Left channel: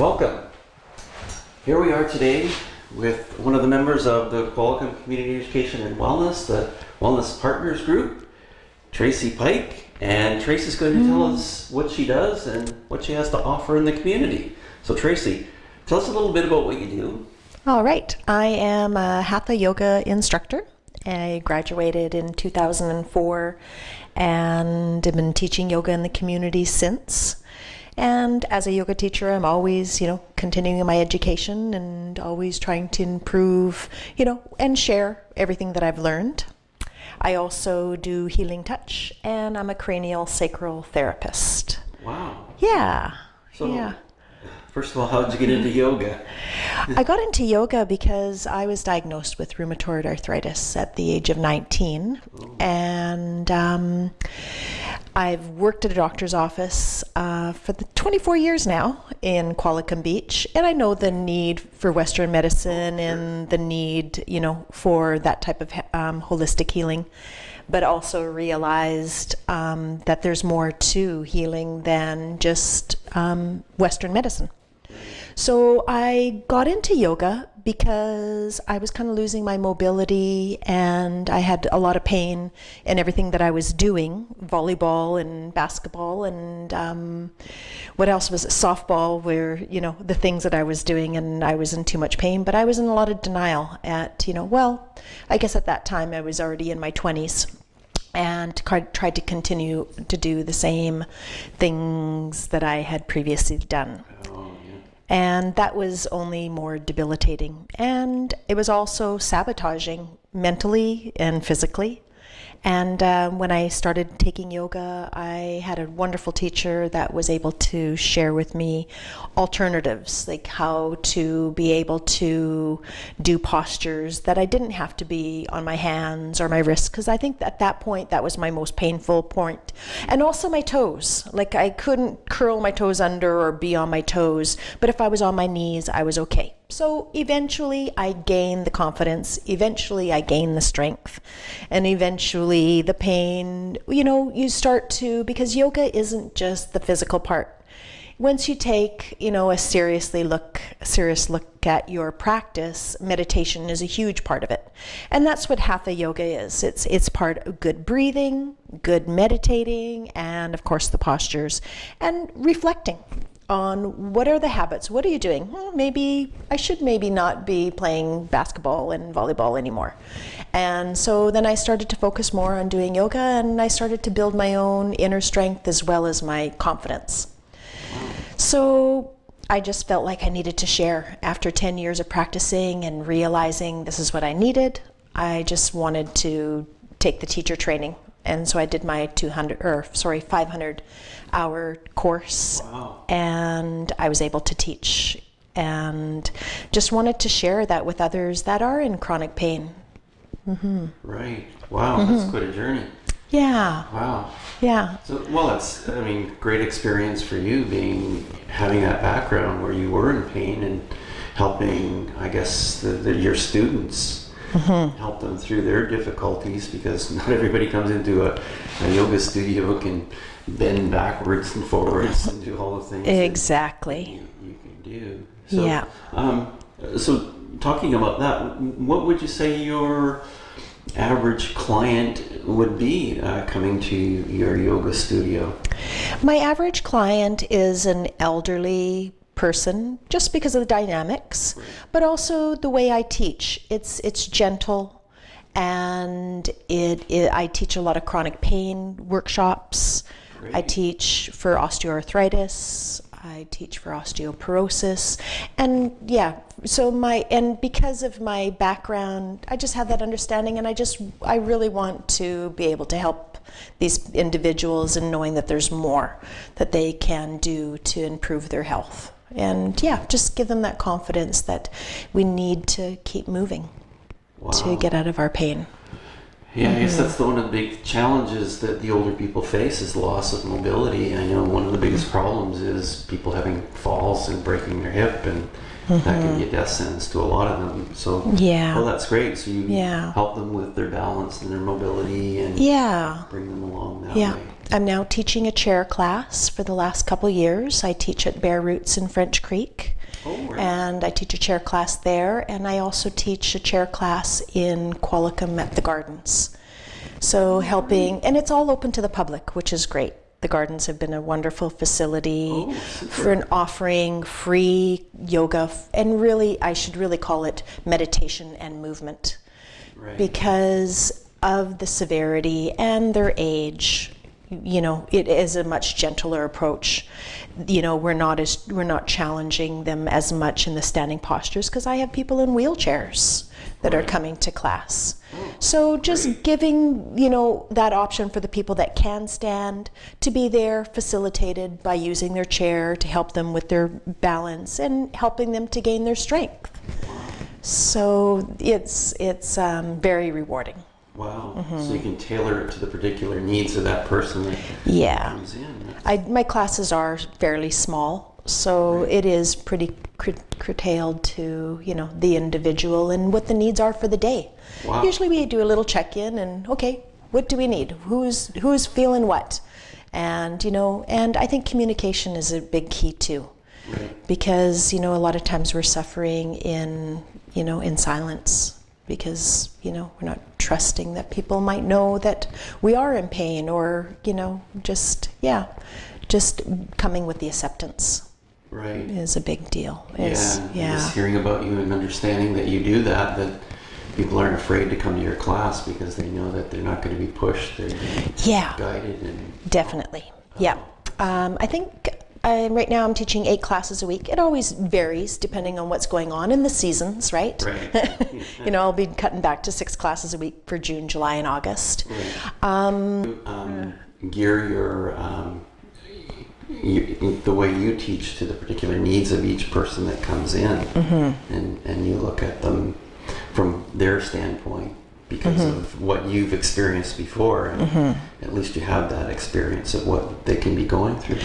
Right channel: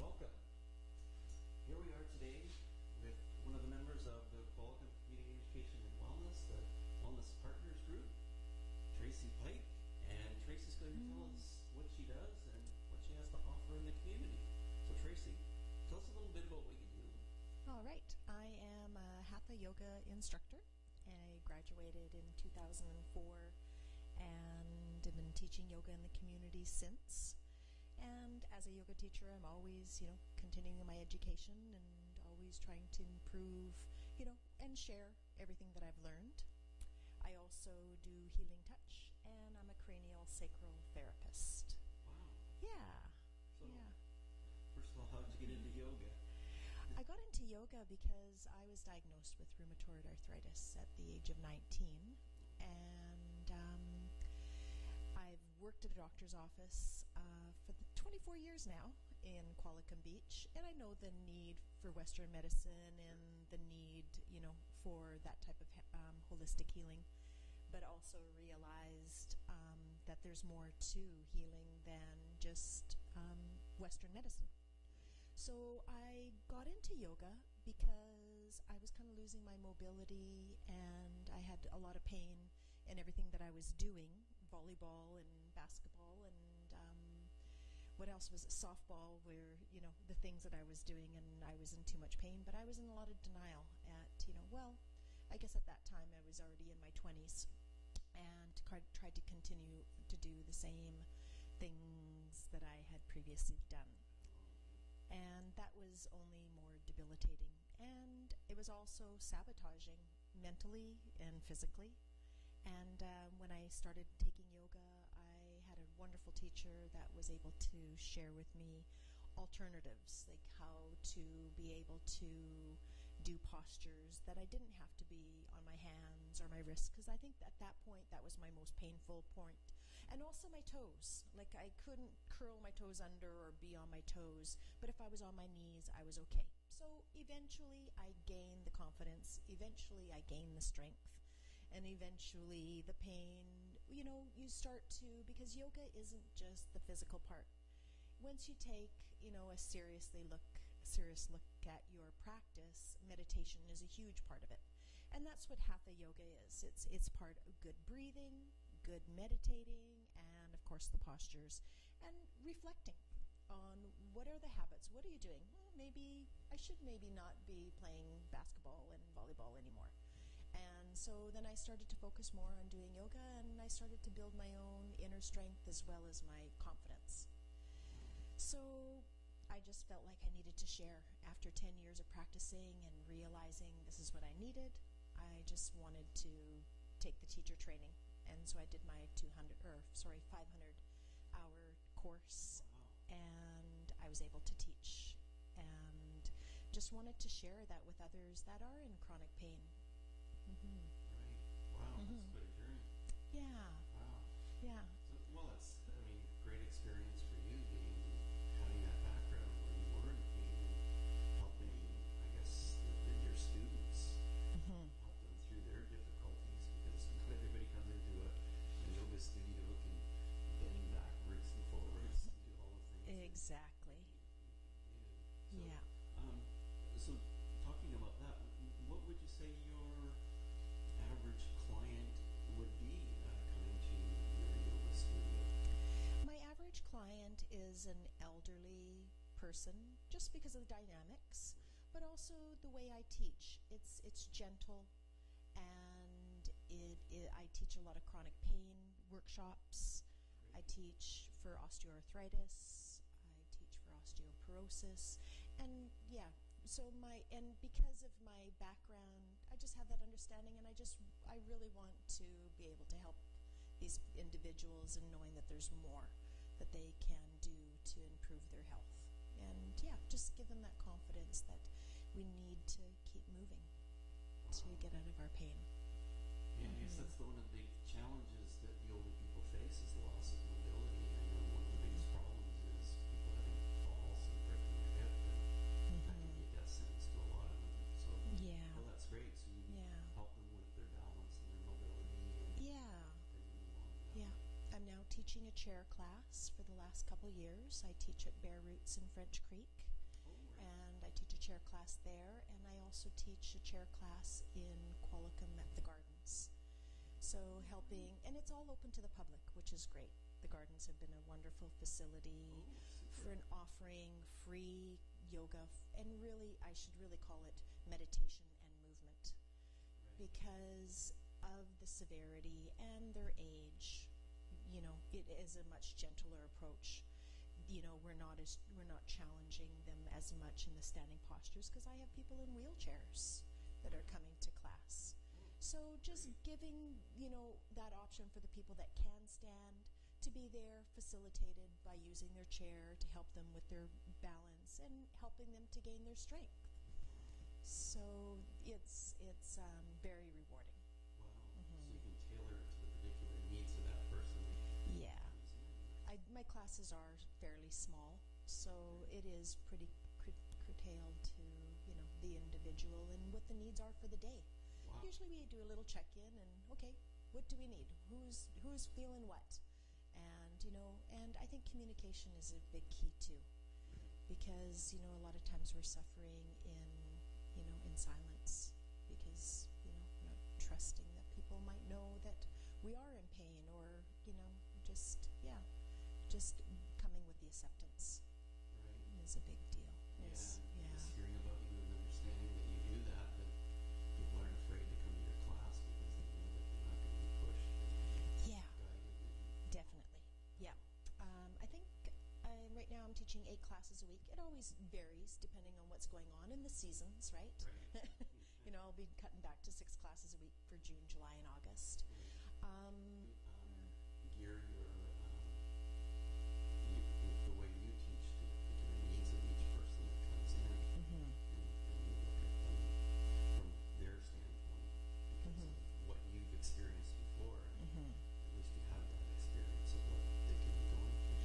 Welcome. Here we are today with one of the members of the Qualicum Community Education and Wellness, the Wellness Partners Group, Tracy Pike. And Tracy's going to tell us what she does and what she has to offer in the community. So Tracy, tell us a little bit about what you do. All right. I am a Hatha yoga instructor. I graduated in 2004 and have been teaching yoga in the community since. And as a yoga teacher, I'm always, continuing my education and always trying to improve, and share everything that I've learned. I also do healing touch, and I'm a cranial sacral therapist. Wow. Yeah. So, first of all, how did you get into yoga? I got into yoga because I was diagnosed with rheumatoid arthritis at the age of 19. Oh. And I've worked at a doctor's office for 24 years now in Qualicum Beach, and I know the need for Western medicine and the need, for that type of holistic healing, but also realized that there's more to healing than just Western medicine. So I got into yoga because I was kind of losing my mobility and I had a lot of pain in everything that I was doing, volleyball and basketball and what else was it, softball, where, the things that I was doing, and I was in too much pain, but I was in a lot of denial at, I guess at that time I was already in my 20s. And tried to continue to do the same things that I had previously done. And that was only more debilitating. And it was also sabotaging mentally and physically. And when I started taking yoga, I had a wonderful teacher that was able to share with me alternatives, like how to be able to do postures that I didn't have to be on my hands or my wrists, because I think at that point that was my most painful point. And also my toes, like I couldn't curl my toes under or be on my toes, but if I was on my knees, I was okay. So eventually I gained the confidence, eventually I gained the strength, and eventually the pain, you start to, because yoga isn't just the physical part. Once you take, a serious look at your practice, meditation is a huge part of it. And that's what Hatha yoga is. It's part of good breathing, good meditating, and of course the postures, and reflecting on what are the habits, what are you doing? Maybe I should not be playing basketball and volleyball anymore. And so then I started to focus more on doing yoga, and I started to build my own inner strength as well as my confidence. So I just felt like I needed to share. After 10 years of practicing and realizing this is what I needed, I just wanted to take the teacher training. And so I did my 500-hour course. Wow. And I was able to teach and just wanted to share that with others that are in chronic pain. Mm-hmm. Right. Wow, that's quite a journey. Yeah. Wow. Yeah. So, that's, great experience for you having that background where you were in pain and helping, I guess, your students. Help them through their difficulties, because not everybody comes into a yoga studio can bend backwards and forwards and do all the things exactly you can do. So, yeah. So talking about that, what would you say your average client would be coming to your yoga studio? My average client is an elderly person, just because of the dynamics, but also the way I teach. It's gentle, and I teach a lot of chronic pain workshops. Great. I teach for osteoarthritis. I teach for osteoporosis, and because of my background, I just have that understanding, and I really want to be able to help these individuals in knowing that there's more that they can do to improve their health. And just give them that confidence that we need to keep moving. Wow. To get out of our pain. Yeah, I guess that's one of the big challenges that the older people face is loss of mobility. I know one of the biggest problems is people having falls and breaking their hip, and that can be a death sentence to a lot of them. So, that's great. So you help them with their balance and their mobility and bring them along that way. I'm now teaching a chair class for the last couple years. I teach at Bare Roots in French Creek. Oh, right. And I teach a chair class there, and I also teach a chair class in Qualicum at the Gardens. So helping, and it's all open to the public, which is great. The Gardens have been a wonderful facility for an offering free yoga, and really, I should really call it meditation and movement, because of the severity and their age. You know, it is a much gentler approach. You know, we're not challenging them as much in the standing postures, because I have people in wheelchairs that are coming to class. So just giving, you know, that option for the people that can stand to be there, facilitated by using their chair to help them with their balance and helping them to gain their strength. So it's very rewarding. Wow. So you can tailor it to the particular needs of that person that comes in. My classes are fairly small, so it is pretty curtailed to, you know, the individual and what the needs are for the day. Wow. Usually we do a little check-in and, okay, what do we need? Who's feeling what? And, you know, and I think communication is a big key too. Because, you know, a lot of times we're suffering in silence, because, you know, we're not trusting that people might know that we are in pain, or, you know, just coming with the acceptance is a big deal. Just hearing about you and understanding that you do that people aren't afraid to come to your class because they know that they're not going to be pushed, they're guided. Definitely. I think right now I'm teaching 8 classes a week. It always varies depending on what's going on in the seasons, right? You know, I'll be cutting back to 6 classes a week for June, July, and August. Gear the way you teach to the particular needs of each person that comes in, and you look at them from their standpoint because of what you've experienced before, and at least you have that experience of what they can be going through.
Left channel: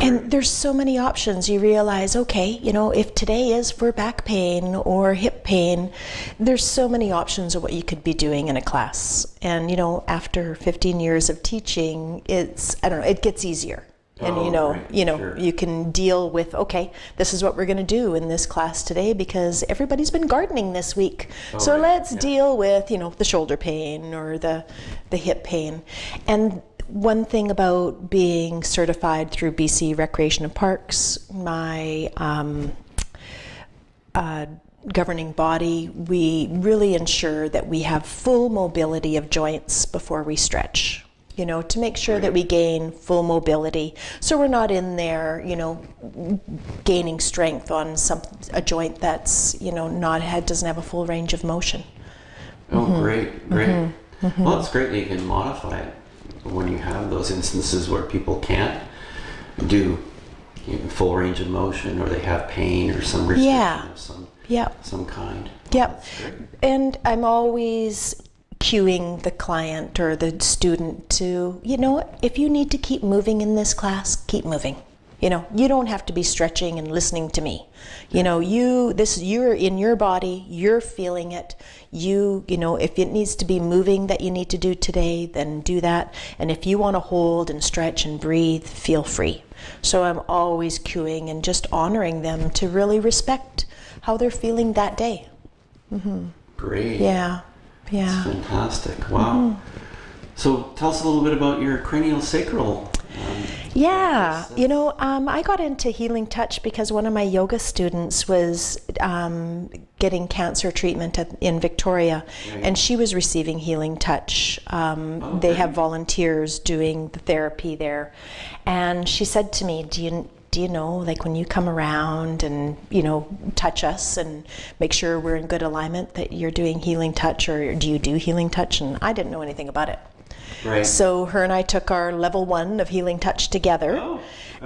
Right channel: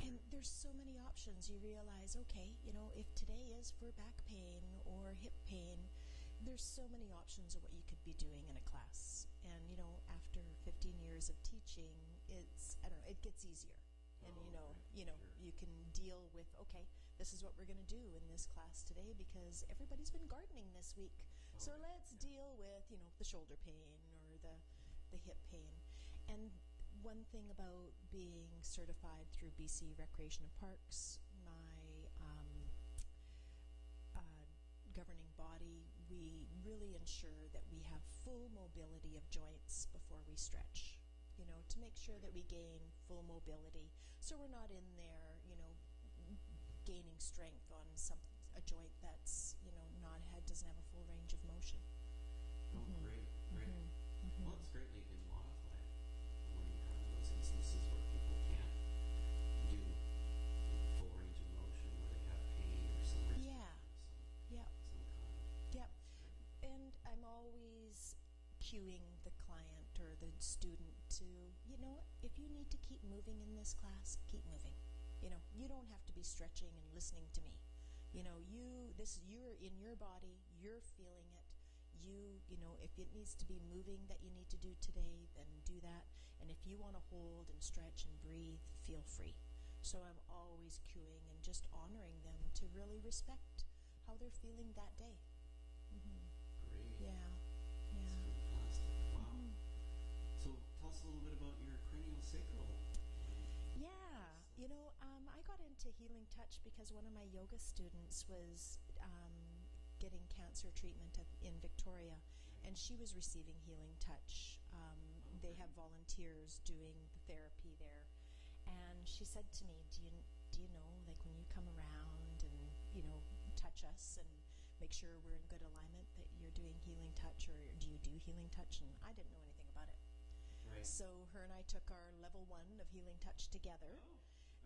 And there's so many options. You realize, okay, you know, if today is for back pain or hip pain, there's so many options of what you could be doing in a class. And, you know, after 15 years of teaching, it gets easier. And you can deal with, okay, this is what we're going to do in this class today because everybody's been gardening this week. So let's deal with, you know, the shoulder pain or the hip pain. And one thing about being certified through BC Recreation and Parks, my governing body, we really ensure that we have full mobility of joints before we stretch. You know, to make sure that we gain full mobility, so we're not in there, you know, gaining strength on a joint that's, you know, doesn't have a full range of motion. Oh, great. Well, it's great that you can modify it when you have those instances where people can't do full range of motion, or they have pain or some restriction of some kind. And I'm always cueing the client or the student to, you know, if you need to keep moving in this class, keep moving. You know, you don't have to be stretching and listening to me. You know, you're in your body, you're feeling it. You know, if it needs to be moving that you need to do today, then do that. And if you want to hold and stretch and breathe, feel free. So I'm always cueing and just honoring them to really respect how they're feeling that day. Great. Yeah. That's fantastic. Wow. So tell us a little bit about your cranial sacral. You know, I got into Healing Touch because one of my yoga students was getting cancer treatment in Victoria, and she was receiving Healing Touch. They have volunteers doing the therapy there, and she said to me, do you know, like when you come around and, you know, touch us and make sure we're in good alignment, that you're doing Healing Touch, or do you do Healing Touch? And I didn't know anything about it. So her and I took our level 1 of Healing Touch together,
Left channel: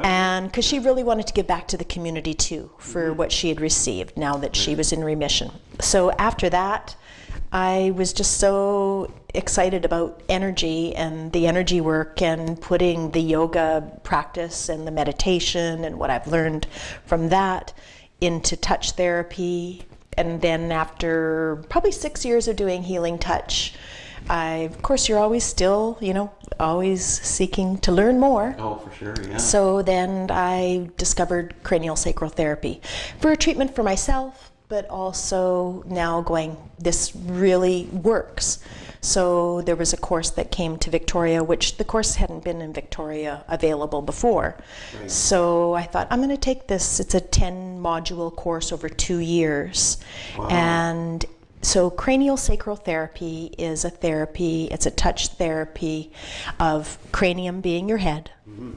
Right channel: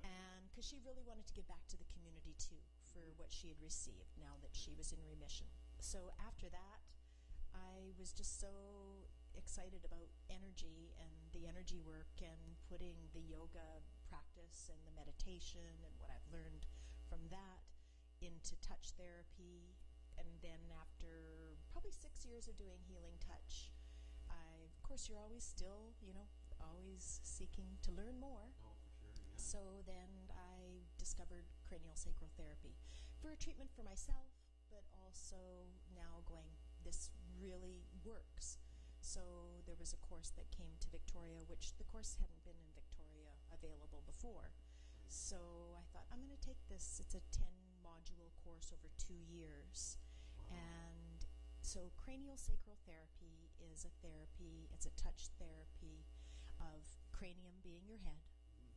and because she really wanted to give back to the community too for what she had received now that she was in remission. So after that, I was just so excited about energy and the energy work and putting the yoga practice and the meditation and what I've learned from that into touch therapy. And then after probably 6 years of doing Healing Touch, Of course, you're always still, always seeking to learn more. Oh, for sure, yeah. So then I discovered cranial sacral therapy for a treatment for myself, but also now going, this really works. So there was a course that came to Victoria, which the course hadn't been in Victoria available before. Right. So I thought, I'm going to take this. It's a 10-module course over 2 years. Wow. And so cranial sacral therapy is a therapy, it's a touch therapy of cranium being your head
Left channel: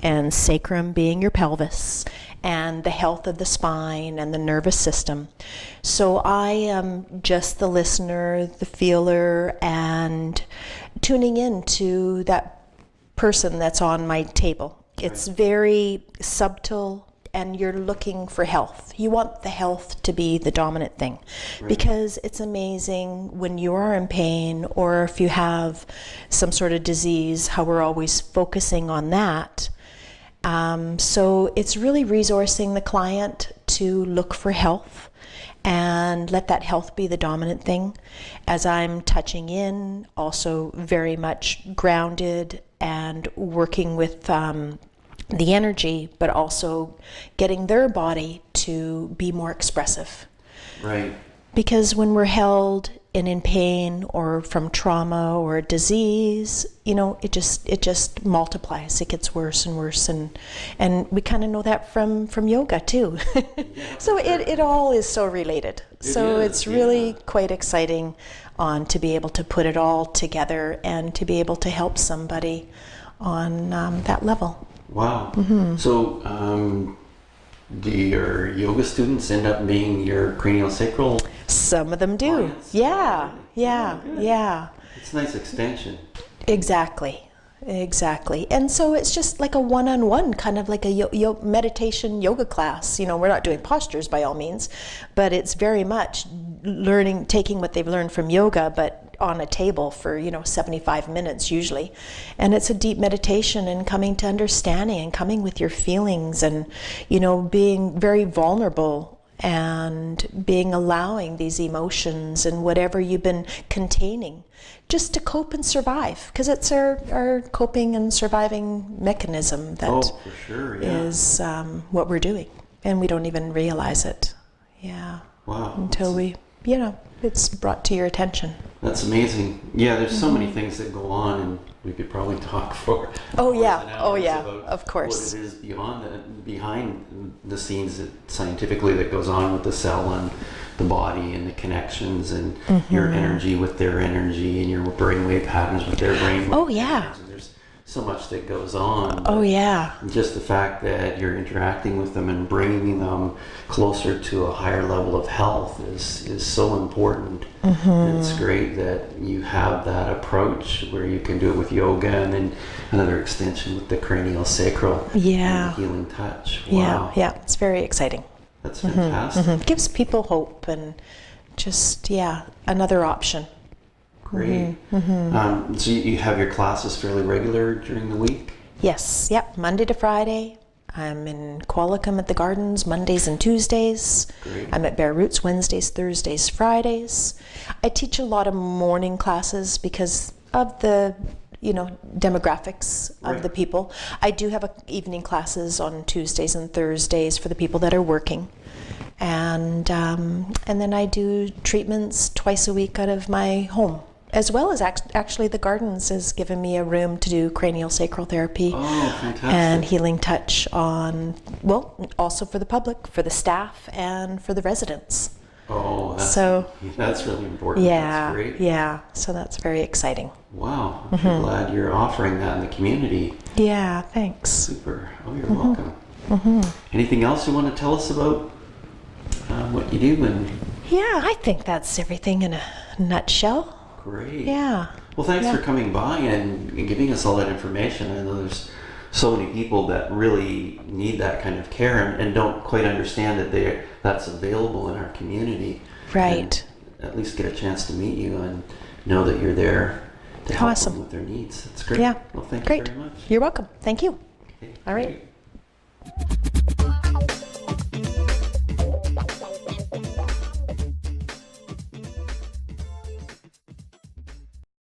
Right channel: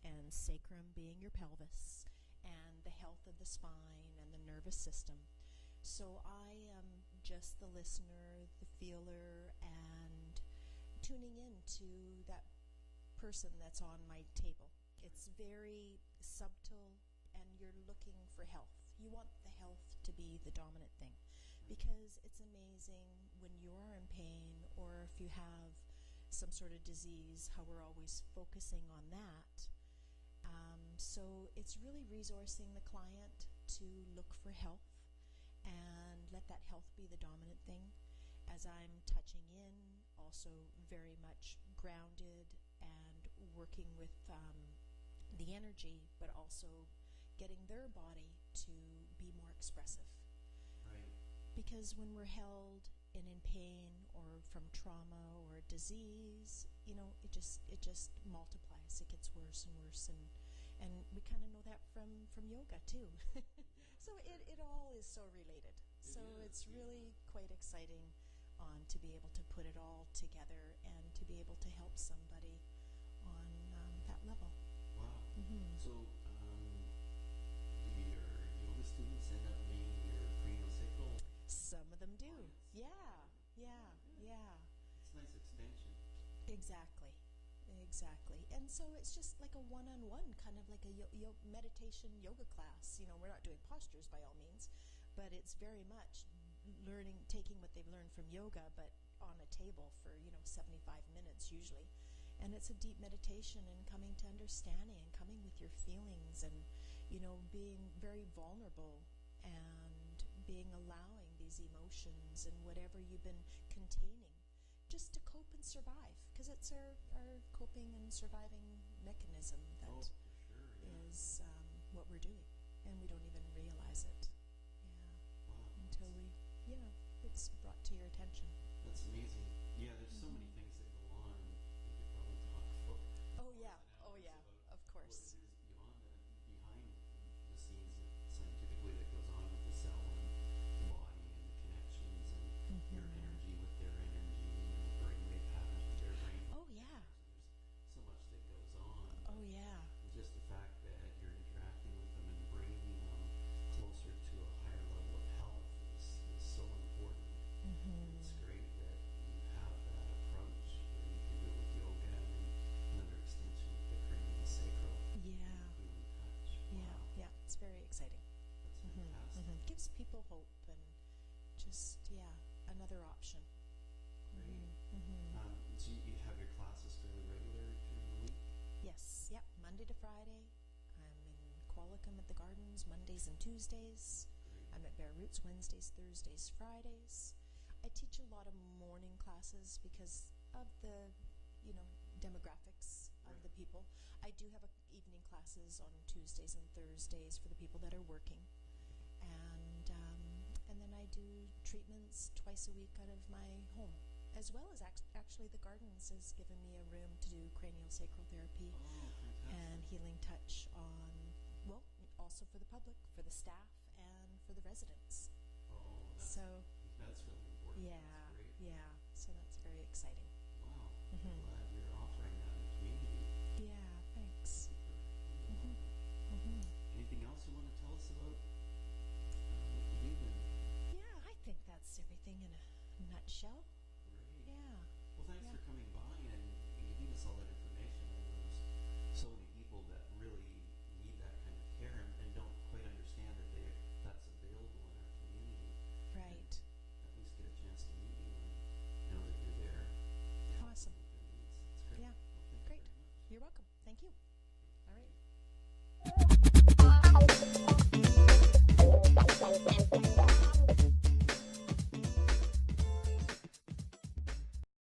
and sacrum being your pelvis and the health of the spine and the nervous system. So I am just the listener, the feeler, and tuning in to that person that's on my table. It's very subtle, and you're looking for health. You want the health to be the dominant thing, because it's amazing when you are in pain or if you have some sort of disease, how we're always focusing on that. So it's really resourcing the client to look for health and let that health be the dominant thing. As I'm touching in, also very much grounded and working with the energy, but also getting their body to be more expressive. Right. Because when we're held and in pain or from trauma or disease, it just multiplies. It gets worse and worse, and we kind of know that from yoga too. So it all is so related. It's really quite exciting to be able to put it all together and to be able to help somebody on that level. Wow. So do your yoga students end up being your cranial sacral? Some of them do. Clients? Yeah. It's a nice extension. Exactly. And so it's just like a one-on-one, kind of like a meditation yoga class. We're not doing postures by all means, but it's very much taking what they've learned from yoga, but on a table for 75 minutes usually, and it's a deep meditation and coming to understanding and coming with your feelings and being very vulnerable and allowing these emotions and whatever you've been containing just to cope and survive, because it's our coping and surviving mechanism that for sure, is what we're doing, and we don't even realize it. Wow. Until it's brought to your attention. That's amazing. Yeah, there's so many things that go on, and we could probably talk for hours and hours about of course. what it is behind the scenes scientifically that goes on with the cell and the body and the connections and your energy with their energy and your brainwave patterns with their brainwave patterns. And there's so much that goes on. Just the fact that you're interacting with them and bringing them closer to a higher level of health is so important. And it's great that you have that approach where you can do it with yoga and then another extension with the cranial sacral and the healing touch. Wow. Yeah, it's very exciting. That's fantastic. Gives people hope and just, another option. Great. So you have your classes fairly regular during the week? Yes, Monday to Friday. I'm in Qualicum at the Gardens Mondays and Tuesdays. Great. I'm at Bare Roots Wednesdays, Thursdays, Fridays. I teach a lot of morning classes because of the demographics of the people. I do have evening classes on Tuesdays and Thursdays for the people that are working. And then I do treatments twice a week out of my home, as well as actually the Gardens has given me a room to do cranial sacral therapy and healing touch also for the public, for the staff, and for the residents. Oh, that's really important. That's great. Yeah, so that's very exciting. Wow, I'm glad you're offering that in the community. Yeah, thanks. Super. Oh, you're welcome. Anything else you want to tell us about what you do? I think that's everything in a nutshell. Great. Yeah. Well, thanks for coming by and giving us all that information. I know there's so many people that really need that kind of care and don't quite understand that that's available in our community. Right. And at least get a chance to meet you and know that you're there to help them with their needs. That's great. Yeah. Well, thank you very much. You're welcome. Thank you. Okay, all right. Great.